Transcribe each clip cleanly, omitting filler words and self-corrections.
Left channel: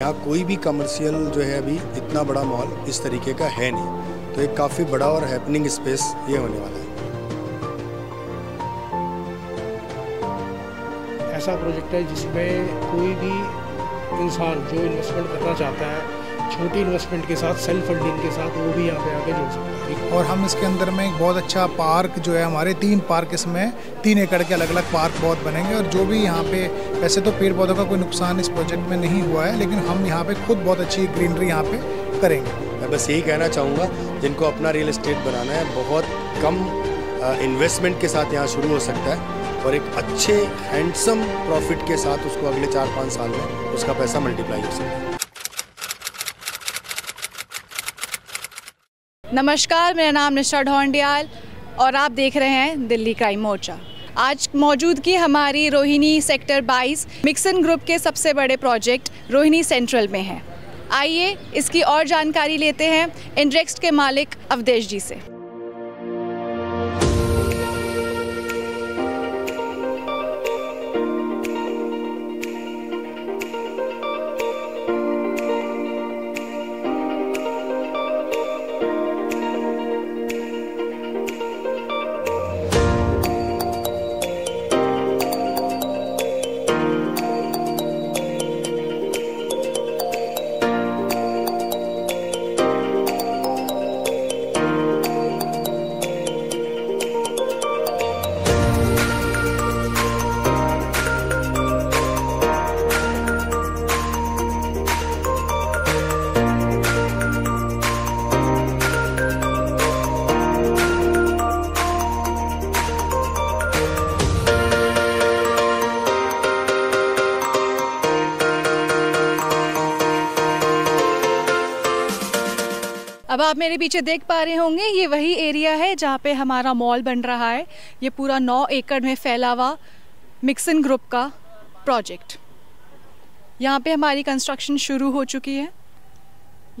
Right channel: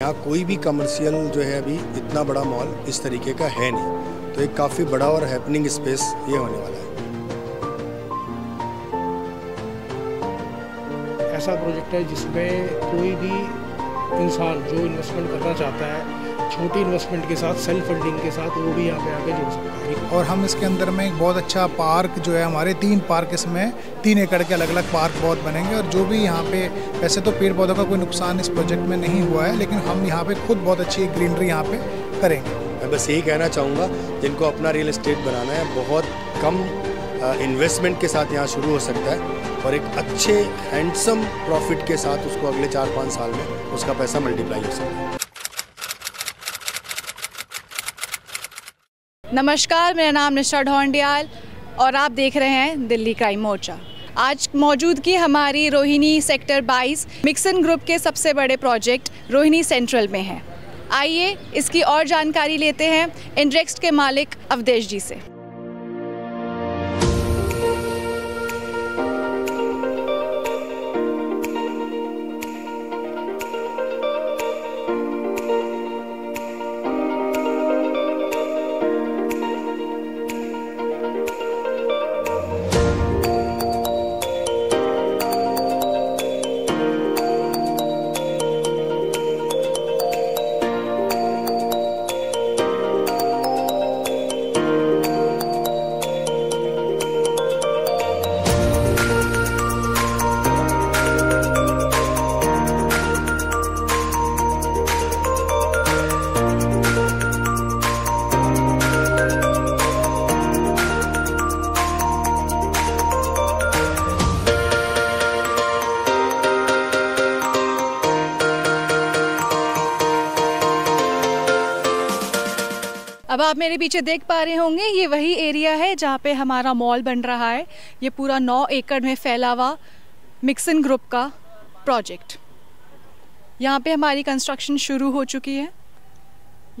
यहाँ कोई भी कमर्शियल जो है अभी इतना बड़ा मॉल इस तरीके का है नहीं, तो एक काफ़ी बड़ा और हैपनिंग स्पेस ये होने वाला है। ऐसा प्रोजेक्ट है जिसमें कोई भी इंसान जो इन्वेस्टमेंट करना चाहता है छोटी इन्वेस्टमेंट के साथ, सेल्फ फंडिंग के साथ, वो भी यहाँ पे आके जुड़ सकता है। और हम इसके अंदर में एक बहुत अच्छा पार्क जो है, हमारे 3 पार्क इसमें 3 एकड़ के अलग अलग पार्क बहुत बनेंगे। और जो भी यहाँ पे वैसे तो पेड़ पौधों का कोई नुकसान इस प्रोजेक्ट में नहीं हुआ है, लेकिन हम यहाँ पे खुद बहुत अच्छी ग्रीनरी यहाँ पे करेंगे। मैं बस यही कहना चाहूँगा, जिनको अपना रियल एस्टेट बनाना है, बहुत कम इन्वेस्टमेंट के साथ यहाँ शुरू हो सकता है और एक अच्छे हैंडसम प्रॉफिट के साथ उसको अगले 4-5 साल में उसका पैसा मल्टीप्लाई हो सकता है। नमस्कार, मेरा नाम निशा ढोंडियाल और आप देख रहे हैं दिल्ली क्राइम मोर्चा। आज मौजूदगी हमारी रोहिणी सेक्टर 22 मिक्सन ग्रुप के सबसे बड़े प्रोजेक्ट रोहिणी सेंट्रल में है। आइए इसकी और जानकारी लेते हैं इंडरेक्स्ट के मालिक अवधेश जी से। अब आप मेरे पीछे देख पा रहे होंगे, ये वही एरिया है जहाँ पे हमारा मॉल बन रहा है। ये पूरा 9 एकड़ में फैला हुआ मिक्सन ग्रुप का प्रोजेक्ट। यहाँ पे हमारी कंस्ट्रक्शन शुरू हो चुकी है।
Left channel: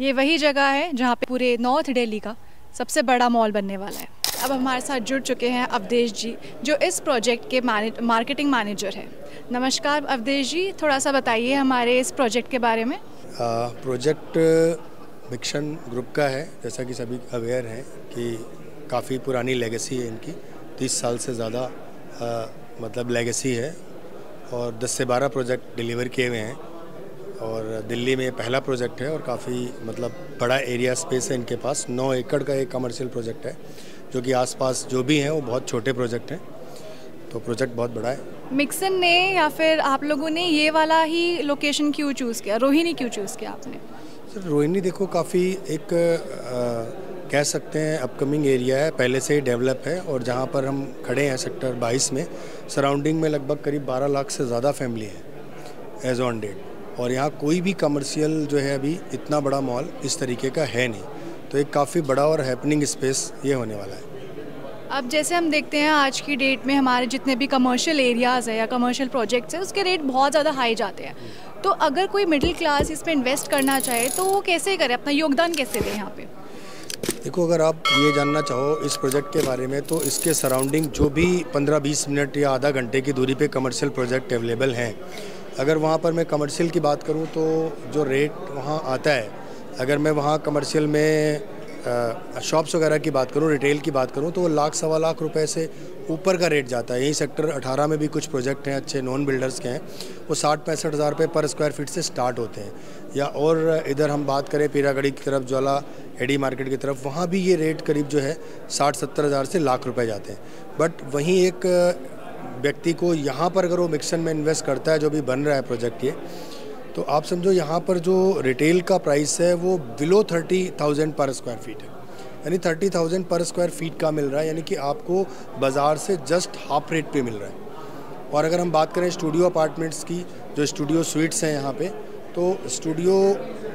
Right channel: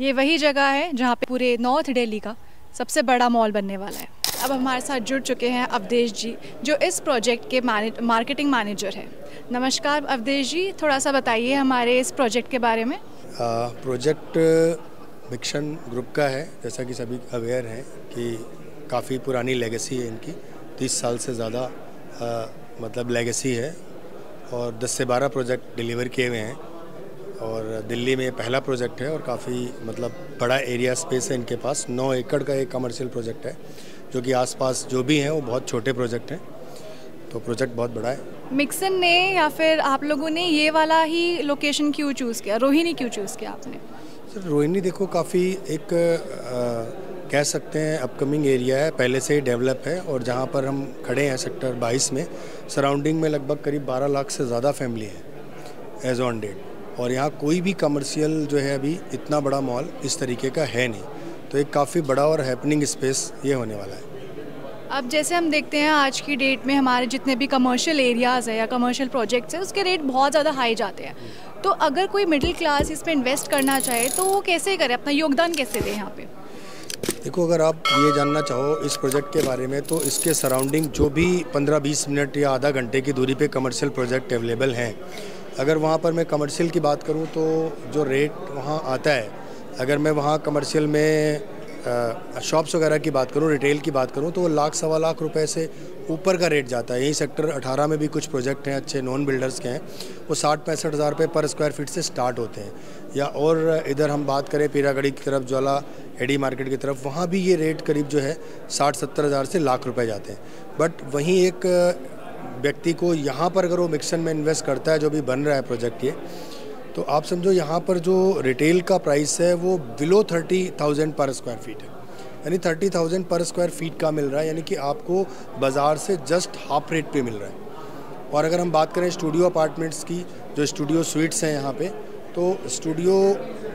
ये वही जगह है जहाँ पे पूरे नॉर्थ दिल्ली का सबसे बड़ा मॉल बनने वाला है। अब हमारे साथ जुड़ चुके हैं अवधेश जी, जो इस प्रोजेक्ट के मार्केटिंग मैनेजर है। नमस्कार अवधेश जी, थोड़ा सा बताइए हमारे इस प्रोजेक्ट के बारे में। प्रोजेक्ट मिक्सन ग्रुप का है, जैसा कि सभी अवेयर हैं कि काफ़ी पुरानी लेगेसी है इनकी। 30 साल से ज़्यादा मतलब लेगेसी है और 10 से 12 प्रोजेक्ट डिलीवर किए हुए हैं और दिल्ली में ये पहला प्रोजेक्ट है और काफ़ी मतलब बड़ा एरिया स्पेस है इनके पास। 9 एकड़ का एक कमर्शियल प्रोजेक्ट है, जो कि आसपास जो भी हैं वो बहुत छोटे प्रोजेक्ट हैं, तो प्रोजेक्ट बहुत बड़ा है। मिक्सन ने या फिर आप लोगों ने ये वाला ही लोकेशन क्यों चूज़ किया, रोहिणी क्यों चूज़ किया आपने? सर, रोहिणी देखो काफ़ी एक कह सकते हैं अपकमिंग एरिया है, पहले से ही डेवलप है और जहाँ पर हम खड़े हैं सेक्टर 22 में, सराउंडिंग में लगभग करीब 12 लाख से ज़्यादा फैमिली है एज ऑन डेट। और यहाँ कोई भी कमर्शियल जो है अभी इतना बड़ा मॉल इस तरीके का है नहीं, तो एक काफ़ी बड़ा और हैपनिंग स्पेस ये होने वाला है। अब जैसे हम देखते हैं आज की डेट में हमारे जितने भी कमर्शियल एरियाज़ है या कमर्शियल प्रोजेक्ट्स है, उसके रेट बहुत ज़्यादा हाई जाते हैं। तो अगर कोई मिडिल क्लास इसमें इन्वेस्ट करना चाहे तो वो कैसे करे, अपना योगदान कैसे दे यहाँ पे? देखो, अगर आप ये जानना चाहो इस प्रोजेक्ट के बारे में, तो इसके सराउंडिंग जो भी 15-20 मिनट या आधा घंटे की दूरी पे कमर्शियल प्रोजेक्ट अवेलेबल हैं, अगर वहाँ पर मैं कमर्शियल की बात करूँ तो जो रेट वहाँ आता है, अगर मैं वहाँ कमर्शियल में शॉप्स वगैरह की बात करूँ, रिटेल की बात करूँ, तो वो 1.25 लाख रुपए से ऊपर का रेट जाता है। यही सेक्टर 18 में भी कुछ प्रोजेक्ट हैं अच्छे नॉन बिल्डर्स के हैं, वो 60-65 हज़ार रुपये पर स्क्वायर फीट से स्टार्ट होते हैं। या और इधर हम बात करें पीरागढ़ी की तरफ, ज्वाला एडी मार्केट की तरफ, वहाँ भी ये रेट करीब जो है 60-70 हज़ार से लाख रुपये जाते हैं। बट वहीं एक व्यक्ति को यहाँ पर अगर वो मिक्सन में इन्वेस्ट करता है, जो भी बन रहा है प्रोजेक्ट ये, तो आप समझो यहाँ पर जो रिटेल का प्राइस है वो बिलो 30,000 पर स्क्वायर फीट है, यानी 30,000 पर स्क्वायर फीट का मिल रहा है, यानी कि आपको बाज़ार से जस्ट हाफ रेट पे मिल रहा है। और अगर हम बात करें स्टूडियो अपार्टमेंट्स की, जो स्टूडियो स्वीट्स हैं यहाँ पे, तो स्टूडियो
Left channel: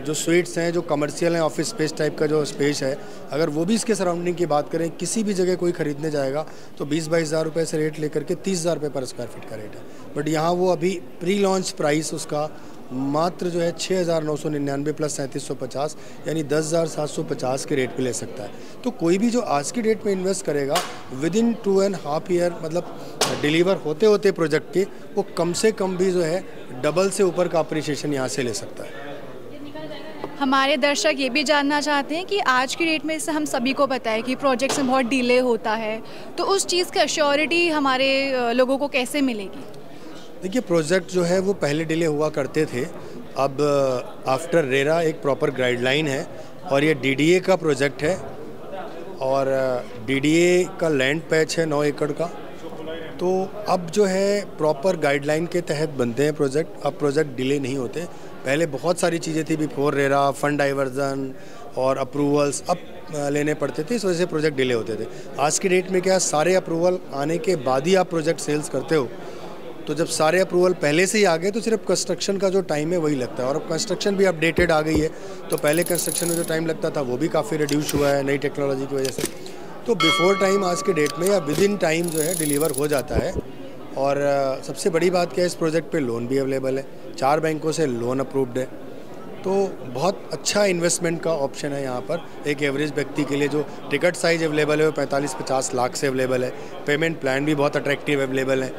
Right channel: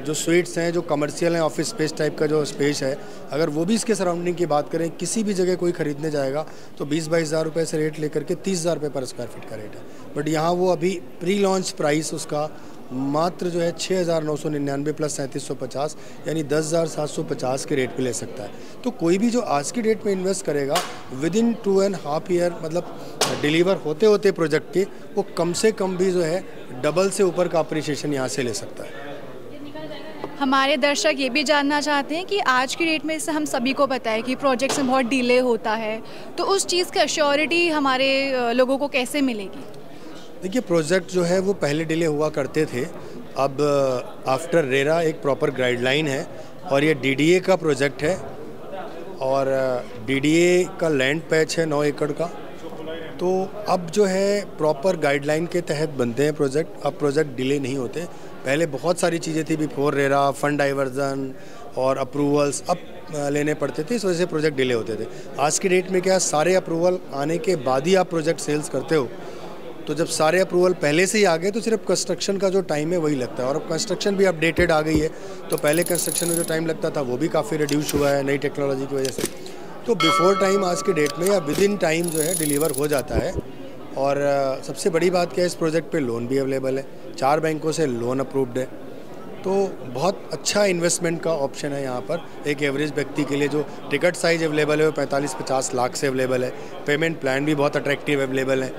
जो स्वीट्स हैं, जो कमर्शियल हैं, ऑफिस स्पेस टाइप का जो स्पेस है, अगर वो भी इसके सराउंडिंग की बात करें, किसी भी जगह कोई ख़रीदने जाएगा तो 20-22 हज़ार रुपये से रेट लेकर के 30 हज़ार रुपये पर स्क्वायर फीट का रेट है। बट यहाँ वो अभी प्री लॉन्च प्राइस उसका मात्र जो है 6,999 प्लस 3750, यानी 10,750 के रेट पे ले सकता है। तो कोई भी जो आज की डेट में इन्वेस्ट करेगा विद इन 2.5 ईयर, मतलब डिलीवर होते होते प्रोजेक्ट के, वो कम से कम भी जो है डबल से ऊपर का अप्रिशिएशन यहाँ से ले सकता है। हमारे दर्शक ये भी जानना चाहते हैं कि आज की डेट में इससे हम सभी को पता है कि प्रोजेक्ट्स में बहुत डिले होता है, तो उस चीज़ की एश्योरिटी हमारे लोगों को कैसे मिलेगी? देखिए, प्रोजेक्ट जो है वो पहले डिले हुआ करते थे। अब आफ्टर रेरा एक प्रॉपर गाइडलाइन है और ये डीडीए का प्रोजेक्ट है और डीडीए का लैंड पैच है 9 एकड़ का। तो अब जो है प्रॉपर गाइडलाइन के तहत बनते हैं प्रोजेक्ट। अब प्रोजेक्ट डिले नहीं होते। पहले बहुत सारी चीज़ें थी बिफोर रेरा, फंड डाइवर्जन और अप्रूवल्स अब लेने पड़ते थे, इस वजह से प्रोजेक्ट डिले होते थे। आज की डेट में क्या, सारे अप्रूवल आने के बाद ही आप प्रोजेक्ट सेल्स करते हो। तो जब सारे अप्रूवल पहले से ही आ गए तो सिर्फ कंस्ट्रक्शन का जो टाइम है वही लगता है। और अब कंस्ट्रक्शन भी अपडेटेड आ गई है, तो पहले कंस्ट्रक्शन में जो टाइम लगता था वो भी काफ़ी रिड्यूस हुआ है नई टेक्नोलॉजी की वजह से। तो बिफोर टाइम आज के डेट में या विद इन टाइम जो है डिलीवर हो जाता है। और सबसे बड़ी बात क्या है, इस प्रोजेक्ट पे लोन भी अवेलेबल है, 4 बैंकों से लोन अप्रूव्ड है। तो बहुत अच्छा इन्वेस्टमेंट का ऑप्शन है यहाँ पर एक एवरेज व्यक्ति के लिए। जो टिकट साइज़ अवेलेबल है वो 45-50 लाख से अवेलेबल है। पेमेंट प्लान भी बहुत अट्रैक्टिव अवेलेबल है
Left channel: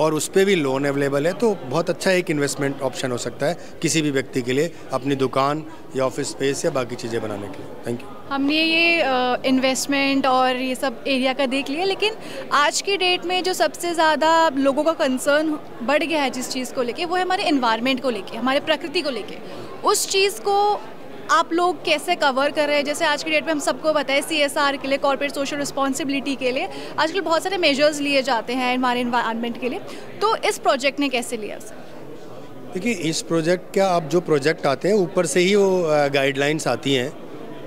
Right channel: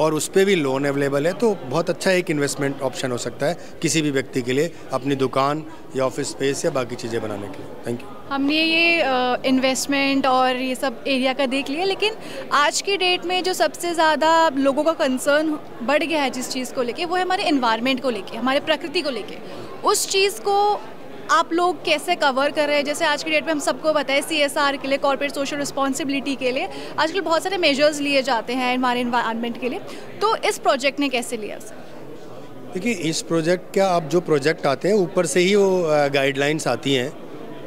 और उस पर भी लोन अवेलेबल है। तो बहुत अच्छा एक इन्वेस्टमेंट ऑप्शन हो सकता है किसी भी व्यक्ति के लिए अपनी दुकान या ऑफिस स्पेस या बाकी चीज़ें बनाने के लिए। Thank you. हमने ये इन्वेस्टमेंट और ये सब एरिया का देख लिया, लेकिन आज की डेट में जो सबसे ज़्यादा लोगों का कंसर्न बढ़ गया है जिस चीज़ को लेके, वो है हमारे एनवायरनमेंट को लेके, हमारे प्रकृति को लेके। उस चीज़ को आप लोग कैसे कवर कर रहे हैं? जैसे आज की डेट में हम सबको पता है CSR के लिए, कॉर्पोरेट सोशल रिस्पॉन्सिबिलिटी के लिए आजकल बहुत सारे मेजर्स लिए जाते हैं हमारे एनवायरनमेंट के लिए, तो इस प्रोजेक्ट ने कैसे लिया उसे? देखिए, इस प्रोजेक्ट का अब जो प्रोजेक्ट आते हैं ऊपर से ही वो गाइडलाइंस आती हैं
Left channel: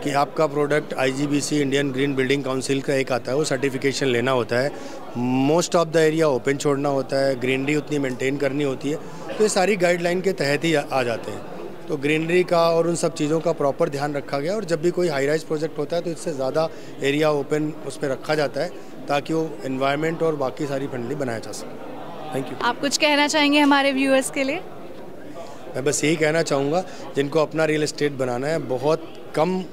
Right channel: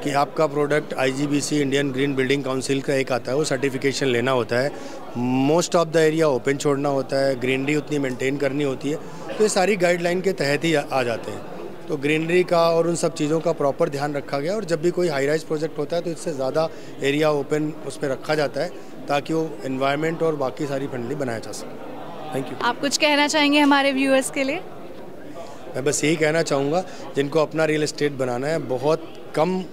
कि आपका product IGBC Indian green building council का एक आता है, वो सर्टिफिकेशन लेना होता है। Most of the area open छोड़ना होता है, ग्रीनरी उतनी मेंटेन करनी होती है। तो ये सारी गाइडलाइन के तहत ही आ जाते हैं। तो ग्रीनरी का और उन सब चीज़ों का प्रॉपर ध्यान रखा गया। और जब भी कोई हाई राइज प्रोजेक्ट होता है तो इससे ज़्यादा एरिया ओपन उस पर रखा जाता है ताकि वो एनवायरनमेंट और बाकी सारी फ्रेंडली बनाया जा सके। Thank you. आप कुछ कहना चाहेंगे हमारे व्यूअर्स के लिए? मैं बस यही कहना चाहूँगा, जिनको अपना रियल एस्टेट बनाना है, बहुत कम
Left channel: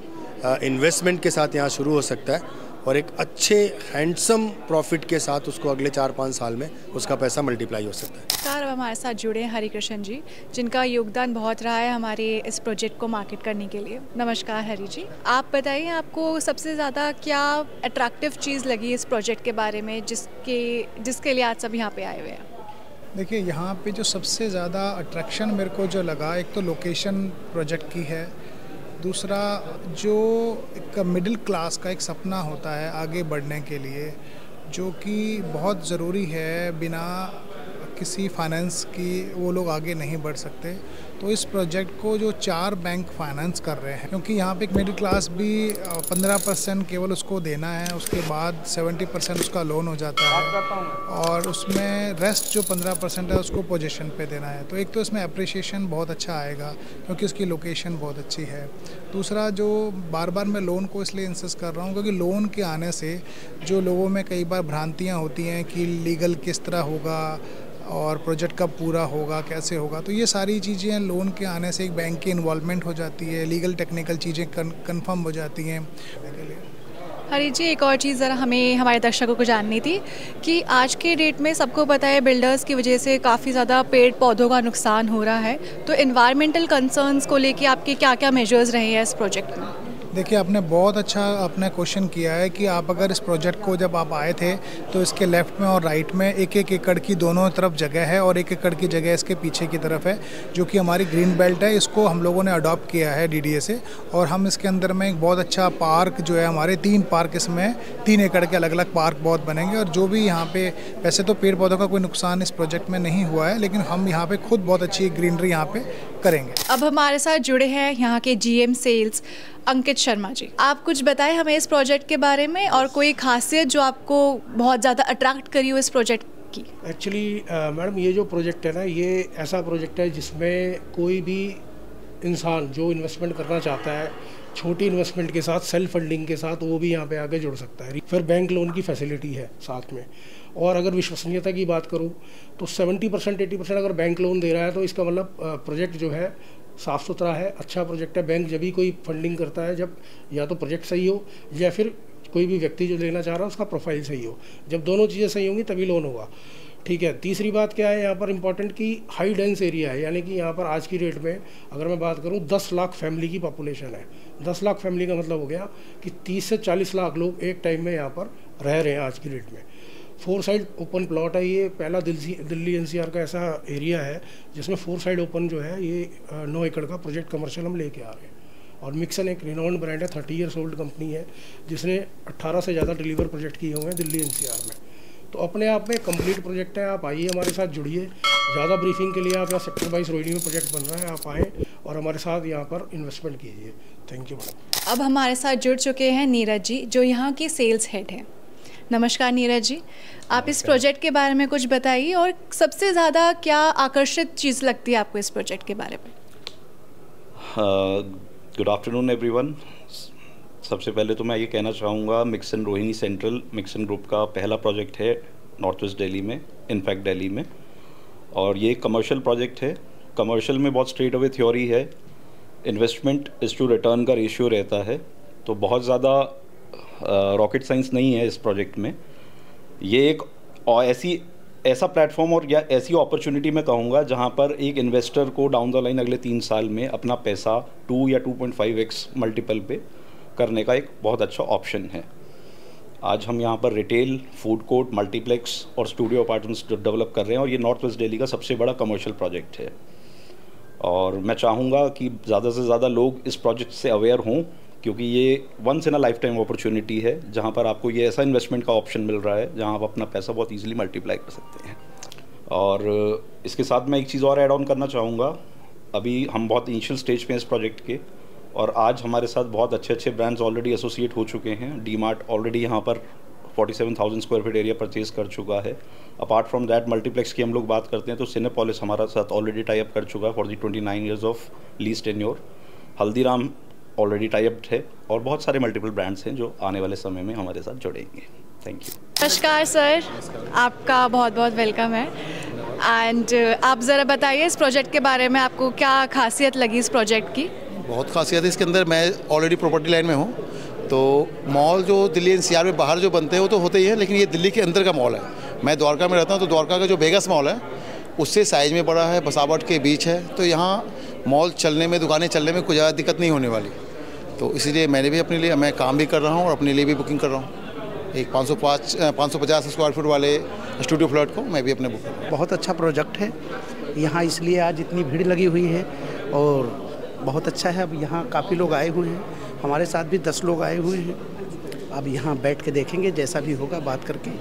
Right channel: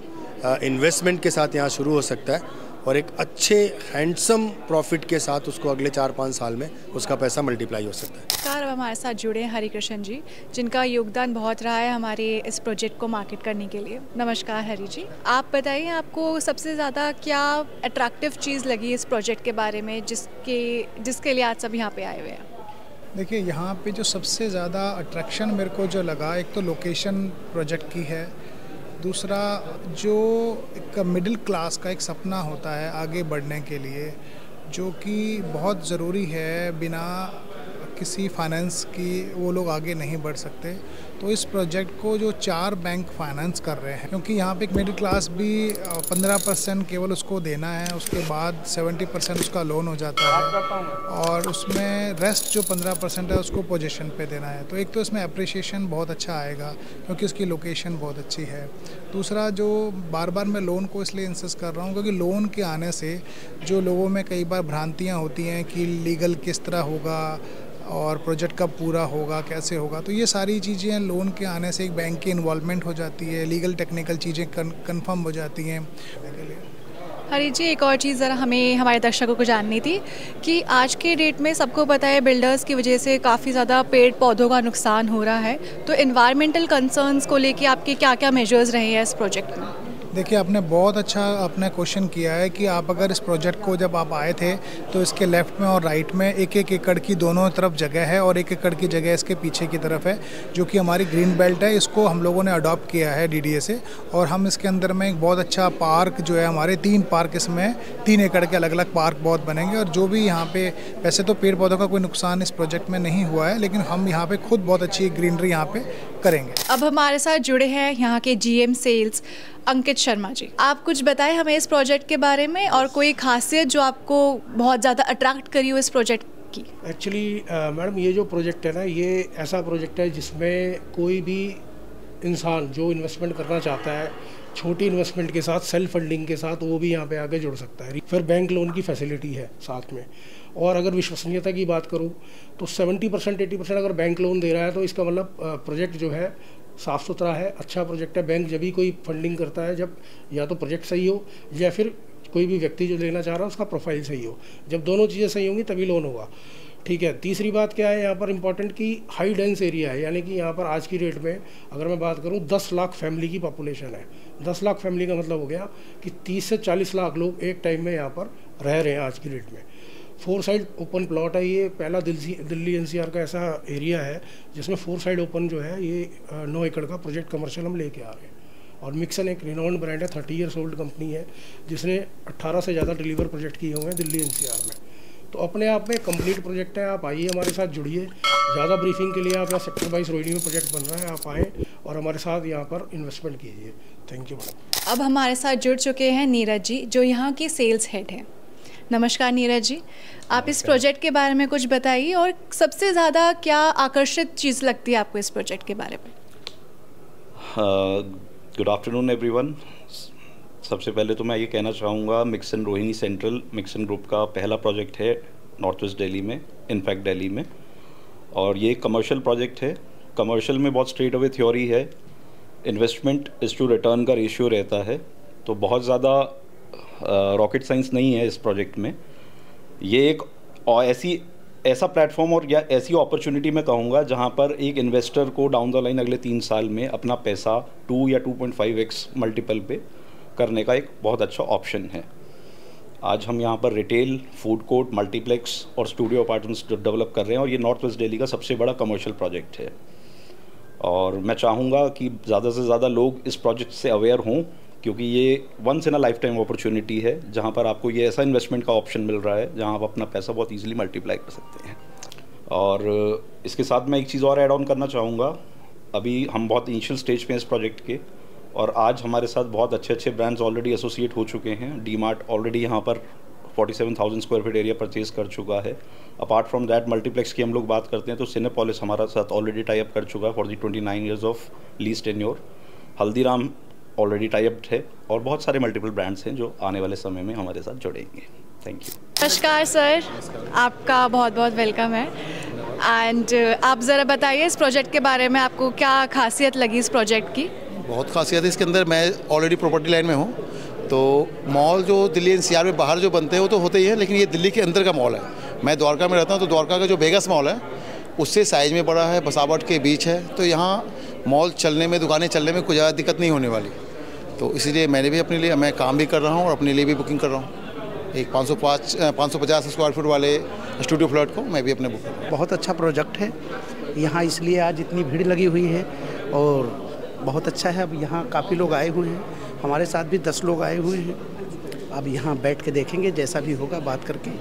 इन्वेस्टमेंट के साथ यहाँ शुरू हो सकता है और एक अच्छे हैंडसम प्रॉफिट के साथ उसको अगले 4-5 साल में उसका पैसा मल्टीप्लाई हो सकता है। अब हमारे साथ जुड़े हैं हरिकृष्ण जी, जिनका योगदान बहुत रहा है हमारे इस प्रोजेक्ट को मार्केट करने के लिए। नमस्कार हरि जी, आप बताइए आपको सबसे ज़्यादा क्या अट्रैक्टिव चीज़ लगी इस प्रोजेक्ट के बारे में जिसके लिए आज सब यहाँ पे आए हुए हैं? देखिए, यहाँ पे जो सबसे ज़्यादा अट्रैक्शन मेरे को जो लगा, एक तो लोकेशन प्रोजेक्ट की है, दूसरा जो एक मिडिल क्लास का एक सपना होता है आगे बढ़ने के लिए, जो कि बहुत ज़रूरी है। बिना किसी फाइनेंस की वो लोग आगे नहीं बढ़ सकते। तो इस प्रोजेक्ट को जो 4 बैंक फाइनेंस कर रहे हैं, क्योंकि यहाँ पे एक मिडिल क्लास भी 15% केवल उसको देना है, उसके बाद 70% उसका लोन हो जाता है और उसमें रेस्ट जो 15% है उसको पोजीशन पे देना है। तो एक तो इसमें अप्रिसिएशन बहुत अच्छा आएगा क्योंकि उसकी लोकेशन बहुत अच्छी है। दूसरा, जो बार बार मैं लोन को इसलिए इंसिस्ट कर रहा हूँ क्योंकि लोन के आने से जो लोगों में कई बार भ्रांतियाँ होती हैं कि लीगल किस तरह होगा और प्रोजेक्ट कब पूरा होगा, कैसे होगा, तो ये सारी चीज़ें लोन के आने से एक बैंक की इन्वॉल्वमेंट हो जाती है, लीगल टेक्निकल चीज़ें कंफर्म हो जाती हैं। हरी जी, एक और चीज़ ज़रा हमें हमारे दर्शकों को जाननी थी कि आज के डेट में सबको पता है बिल्डर्स की वजह से काफ़ी ज़्यादा पेड़ पौधों का नुकसान हो रहा है, तो एनवायरमेंटल कंसर्न्स को लेके आपके क्या क्या मेजर्स रहे हैं इस प्रोजेक्ट में? देखिए, आपने बहुत अच्छा अपना क्वेश्चन किया है कि आप अगर इस प्रोजेक्ट को जब आप आए थे तो इसके लेफ़्ट में और राइट में 1-1 एकड़ की दोनों तरफ जगह है और 1 एकड़ की जगह इसके पीछे की तरफ है जो कि हमारी ग्रीन बेल्ट है। इसको हम लोगों ने अडॉप्ट किया है DDA से और हम इसके अंदर में एक बहुत अच्छा पार्क जो है, हमारे 3 पार्क इसमें 3 एकड़ के अलग अलग पार्क बहुत बनेंगे। और जो भी यहाँ पे, वैसे तो पेड़ पौधों का कोई नुकसान इस प्रोजेक्ट में नहीं हुआ है, लेकिन हम यहाँ पे खुद बहुत अच्छी ग्रीनरी यहाँ पे करेंगे। अब हमारे साथ जुड़े हैं यहाँ के GM सेल्स अंकित शर्मा जी। आप कुछ बताएं हमें इस प्रोजेक्ट के बारे में और कोई खासियत जो आपको बहुत ज़्यादा अट्रैक्ट करी हो इस प्रोजेक्ट की। एक्चुअली मैडम, ये जो प्रोजेक्ट है ना, ये ऐसा प्रोजेक्ट है जिसमें कोई भी इंसान जो इन्वेस्टमेंट करना चाहता है छोटी इन्वेस्टमेंट के साथ, सेल्फ फंडिंग के साथ, वो भी यहाँ पे आके जुड़ सकता है। फिर बैंक लोन की फैसिलिटी है साथ में। और अगर विश्वसनीयता की बात करूँ तो 70% 80% अगर बैंक लोन दे रहा है तो इसका मतलब प्रोजेक्ट जो है साफ़ सुथरा है, अच्छा प्रोजेक्ट है। बैंक जब भी कोई फंडिंग करता है जब या तो प्रोजेक्ट सही हो या फिर कोई भी व्यक्ति जो लेना चाह रहा है उसका प्रोफाइल सही हो। जब दोनों चीज़ें सही होंगी तभी लोन होगा। ठीक है। तीसरी बात क्या है यहाँ पर इम्पोर्टेंट कि हाई डेंस एरिया है, यानी कि यहाँ पर आज की डेट में अगर मैं बात करूँ 10 लाख फैमिली की पॉपुलेशन है। 10 लाख फैमिली का मतलब हो गया कि 30 से 40 लाख लोग एक टाइम में यहाँ पर रह रहे हैं आज की डेट में। 4 साइड ओपन प्लॉट है ये, पहला दिल्ली एनसीआर का ऐसा एरिया है जिसमें 4 साइड ओपन जो है ये 9 एकड़ का प्रोजेक्ट कमर्शियल हम लेके आ रहे हैं। और मिक्सन एक रिनोन्ड ब्रांड है, 30 ईयर्स ओल्ड कंपनी है जिसने 18 से ज़्यादा डिलीवर प्रोजेक्ट किए हुए हैं दिल्ली एनसीआर में। तो अपने आप में कंप्लीट प्रोजेक्ट है। आप आइए हमारे साथ जुड़िए। ज़्यादा ब्रीफिंग के लिए आप यहाँ सेक्टर 22 रोहिणी में प्रोजेक्ट बन रहा है, आप आएँ और हमारे साथ यहाँ पर इन्वेस्टमेंट कीजिए। Thank you madam. अब हमारे साथ जुड़ चुके हैं नीरज जी, जो यहाँ की सेल्स हेड हैं। नमस्कार नीरज जी, आप इस प्रोजेक्ट के बारे में कुछ बताइए और सबसे ज़्यादा क्या आकर्षित चीज़ लगती है आपको इस प्रोजेक्ट के बारे में? Good afternoon everyone. सबसे पहले तो मैं ये कहना चाहूँगा मिक्सन रोहिणी सेंट्रल मिक्सन ग्रुप का पहला प्रोजेक्ट है नॉर्थ वेस्ट दिल्ली में, इनफैक्ट दिल्ली में, और ये कमर्शियल प्रोजेक्ट है। कमर्शियल में बहुत स्ट्रेट अवे थ्योरी है, इन्वेस्टमेंट इज टू रिटर्न का रेशियो रहता है, तो बहुत ज़्यादा रॉकेट साइंस नहीं है इस प्रोजेक्ट में। ये एक ऐसा प्लेटफॉर्म और या ऐसी अपॉर्चुनिटी मैं कहूँगा जहाँ पर एक इन्वेस्टर को डाउन द लाइन अगले 3 साल में अपना पैसा 2 या 2.5x मल्टीपल पे करने का एक बहुत अच्छा ऑप्शन है। आज हम यहाँ पर रिटेल, फूड कोर्ट, मल्टीप्लेक्स और स्टूडियो अपार्टमेंट्स डेवलप कर रहे हैं और ये नॉर्थ वेस्ट दिल्ली का सबसे बड़ा कमर्शियल प्रोजेक्ट है। और मैं चाहूँगा कि ज़्यादा से ज़्यादा लोग इस प्रोजेक्ट से अवेयर हों, क्योंकि ये once in a lifetime opportunity है जहाँ पर आपको ये ऐसा इन्वेस्टमेंट का ऑप्शन मिल रहा है जहाँ आप अपना पैसा बहुत ईजिली मल्टीप्लाई कर सकते हैं। और इसके साथ मैं एक चीज़ और ऐड ऑन करना चाहूँगा। अभी हम बहुत इनिशियल स्टेज पे हैं इस प्रोजेक्ट के, और आज हमारे साथ बहुत अच्छे अच्छे ब्रांड्स ऑलरेडी एसोसिएट हो चुके हैं। डी-मार्ट ऑलरेडी यहाँ पर 47,000 स्क्वायर फीट एरिया परचेज कर चुका है। अपार्ट फ्रॉम दैट मल्टीप्लेक्स की हम लोग बात करते हैं तो सिनेपोलिस हमारा साथ ऑलरेडी टाई अप कर चुका है for the 29 years of lease tenure. Haldiram already tie up है और बहुत सारे मल्टीपल ब्रांड्स हैं जो आने वाले समय में हमारे साथ जुड़ेंगे। Thank you. नमस्कार सर, आपका बहुत बहुत वेलकम है। एंड आप ज़रा बताइए इस प्रोजेक्ट के बारे में, आपको क्या खासियत लगी इस प्रोजेक्ट की? बहुत खासियत है इसके अंदर। मैं ऑलरेडी प्रॉपर्टी लाइन में हूँ, तो मॉल जो दिल्ली एनसीआर में बाहर जो बनते हैं वो तो होते ही हैं, लेकिन ये दिल्ली के अंदर का मॉल है। मैं द्वारका में रहता हूँ, तो द्वारका का जो वेगस मॉल है उससे साइज़ में बड़ा है, बसावट के बीच है, तो यहाँ मॉल चलने में, दुकानें चलने में कोई ज़्यादा दिक्कत नहीं होने वाली। तो इसीलिए मैंने भी अपने लिए, मैं काम भी कर रहा हूँ और अपने लिए भी बुकिंग कर रहा हूँ। एक 550 स्क्वायर फीट वाले स्टूडियो फ्लैट को मैं भी अपने बुक कर रहा हूँ। बहुत अच्छा प्रोजेक्ट है यहाँ, इसलिए आज इतनी भीड़ लगी हुई है और बहुत अच्छा है। अब यहाँ काफ़ी लोग आए हुए हैं, हमारे साथ भी 10 लोग आए हुए हैं। अब यहाँ बैठ के देखेंगे, जैसा भी होगा बात करके।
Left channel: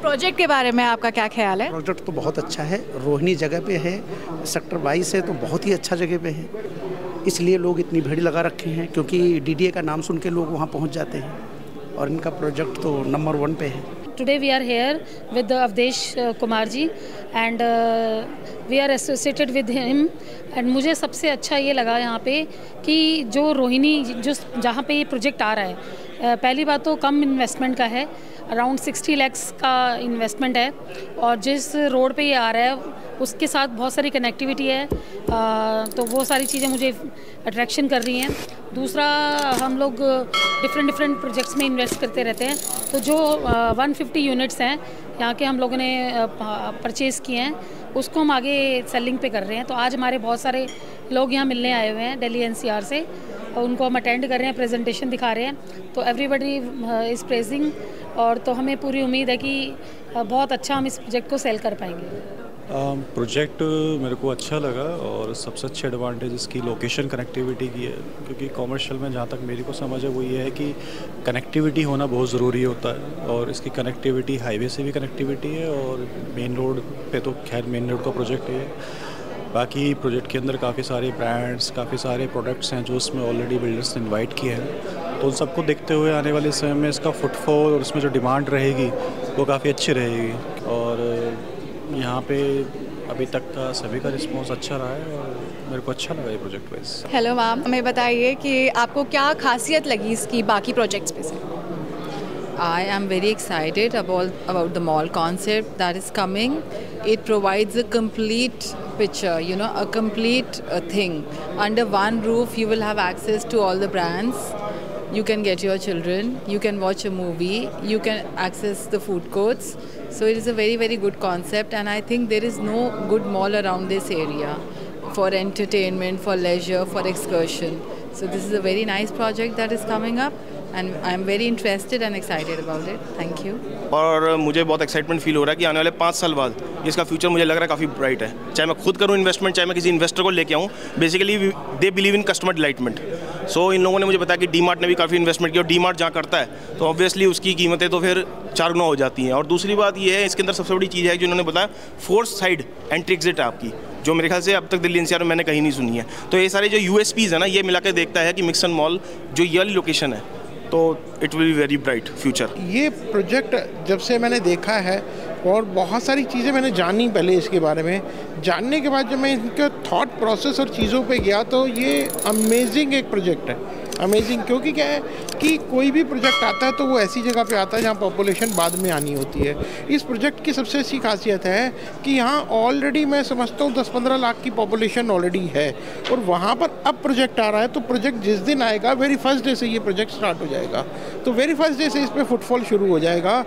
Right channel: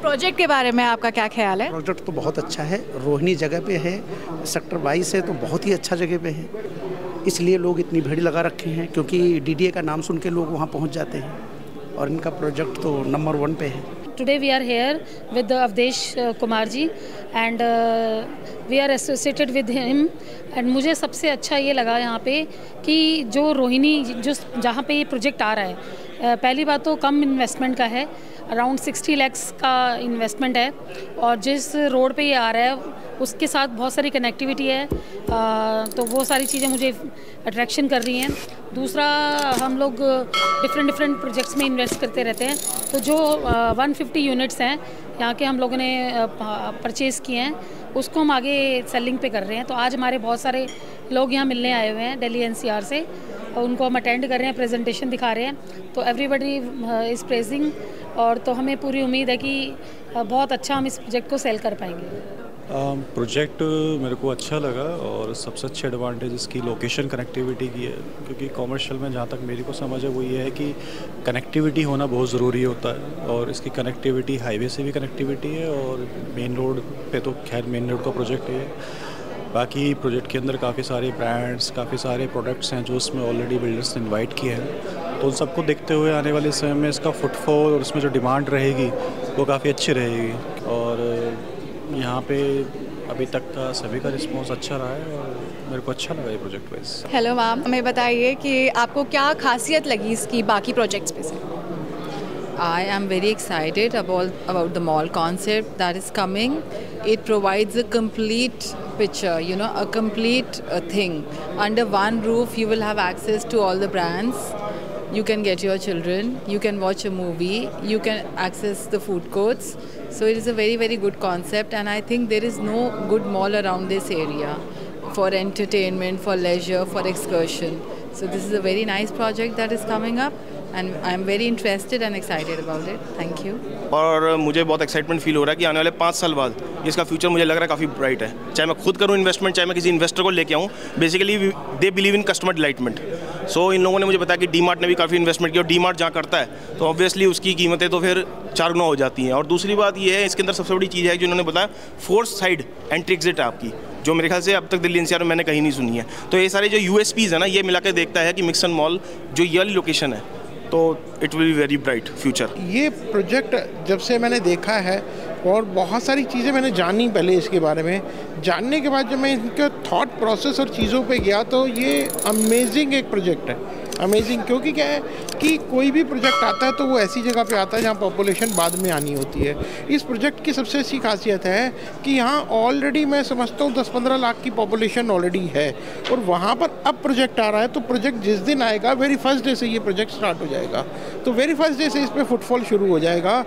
प्रोजेक्ट के बारे में आपका क्या ख्याल है? प्रोजेक्ट तो बहुत अच्छा है, रोहिणी जगह पे है, सेक्टर 22 है, तो बहुत ही अच्छा जगह पे है, इसलिए लोग इतनी भीड़ लगा रखे हैं, क्योंकि डीडीए का नाम सुन के लोग वहाँ पहुँच जाते हैं और इनका प्रोजेक्ट तो नंबर 1 पे है। Today we are here with Avdesh Kumar ji and we are associated with him, and मुझे सबसे अच्छा ये लगा यहाँ पे कि जो रोहिणी जो जहाँ पे ये प्रोजेक्ट आ रहा है, पहली बात तो कम इन्वेस्टमेंट का है, अराउंड 60 lakhs का इन्वेस्टमेंट है, और जिस रोड पे ये आ रहा है उसके साथ बहुत सारी कनेक्टिविटी है, तो वो सारी चीज़ें मुझे अट्रैक्शन कर रही हैं। दूसरा, हम लोग डिफरेंट प्रोजेक्ट्स में इन्वेस्ट करते रहते हैं, तो जो 150 यूनिट्स हैं यहाँ के हम लोगों ने परचेज़ किए हैं, उसको हम आगे सेलिंग पे कर रहे हैं। तो आज हमारे बहुत सारे लोग यहाँ मिलने आए हुए हैं दिल्ली एनसीआर से, और उनको हम अटेंड कर रहे हैं, प्रेजेंटेशन दिखा रहे हैं, तो एवरीबडी इज़ प्रेजिंग, और तो हमें पूरी उम्मीद है कि बहुत अच्छा हम इस प्रोजेक्ट को सेल कर पाएंगे। प्रोजेक्ट मेरे को अच्छा लगा, और सबसे अच्छी एडवांटेज इसकी लोकेशन कनेक्टिविटी की है, क्योंकि कॉमर्शियल में जहाँ तक मेरी को समझ है वो ये है कि कनेक्टिविटी होना बहुत ज़रूरी होता है, और इसकी कनेक्टिविटी हाईवे से भी कनेक्टिविटी है, और मेन रोड पे तो खैर मेन रोड का प्रोजेक्ट है। बाकी प्रोजेक्ट के अंदर काफ़ी सारे ब्रांड्स, काफ़ी सारे प्रोडक्ट्स हैं जो उसमें ऑलरेडी बिल्डर्स ने इन्वाइट किए हैं, तो उन सबको देखते हुए आने वाले समय में इसका फुटफॉल और इसमें जो डिमांड रहेगी वो काफ़ी अच्छी रहेगी। और यहाँ पे अभी तक का सभी का रिस्पांस अच्छा रहा है और मेरे को अच्छा लगा ये प्रोजेक्ट वाइज। हेलो मैम, हमें बताइए कि आपको क्या खासियत लगी इसकी बाकी प्रोजेक्ट्स पे से? I am very excited about the mall concept that is coming. It provides a complete picture, a complete thing. Under one roof, you will have access to all the brands. you can get your children, you can watch a movie, you can access the food courts. So it is a very, very good concept, and I think there is no good mall around this area for entertainment, for leisure, for excursion. So this is a very nice project that is coming up, and I am very interested and excited about it. Thank you. और मुझे बहुत excitement feel हो रहा है कि आने वाले 5 साल बाद इसका फ्यूचर मुझे लग रहा है काफ़ी ब्राइट है। चाहे मैं खुद करूँ इन्वेस्टमेंट, चाहे मैं किसी इन्वेस्टर को लेके आऊँ, basically they believe in customer delightment. So इन लोगों ने मुझे बताया कि डी-मार्ट ने भी काफ़ी इन्वेस्टमेंट किया, और डी-मार्ट जहाँ करता है तो ऑब्वियसली उसकी कीमतें तो फिर 4 गुना हो जाती हैं। और दूसरी बात ये है, इसके अंदर सबसे बड़ी चीज़ है जो इन्होंने बताया, 4 साइड एंट्री एग्जिट है आपकी, जो मेरे ख्याल से अब तक दिल्ली एनसीआर में मैंने कहीं नहीं सुनी है। तो ये सारे जो यूएसपीज़ है ना, ये मिला के देखता है कि मिक्सन मॉल जो ये वाली लोकेशन है, तो it will be very bright future. ये प्रोजेक्ट जब से मैंने देखा है और बहुत सारी चीज़ें मैंने जानी पहले इसके बारे में, जानने के बाद जब मैं इनके थॉट प्रोसेस और चीज़ों पे गया तो ये अमेजिंग एक प्रोजेक्ट है, अमेजिंग। क्योंकि क्या है कि कोई भी प्रोजेक्ट आता है तो वो ऐसी जगह पे आता है जहाँ पॉपुलेशन बाद में आनी होती है। इस प्रोजेक्ट की सबसे अच्छी खासियत है कि यहाँ ऑलरेडी मैं समझता हूँ 10-15 लाख की पॉपुलेशन ऑलरेडी है, और वहाँ पर अब प्रोजेक्ट आ रहा है। तो प्रोजेक्ट जिस दिन आएगा, वेरी फर्स्ट डे से ये प्रोजेक्ट स्टार्ट हो जाएगा, तो वेरी फर्स्ट डे से इस पर फुटफॉल शुरू हो जाएगा।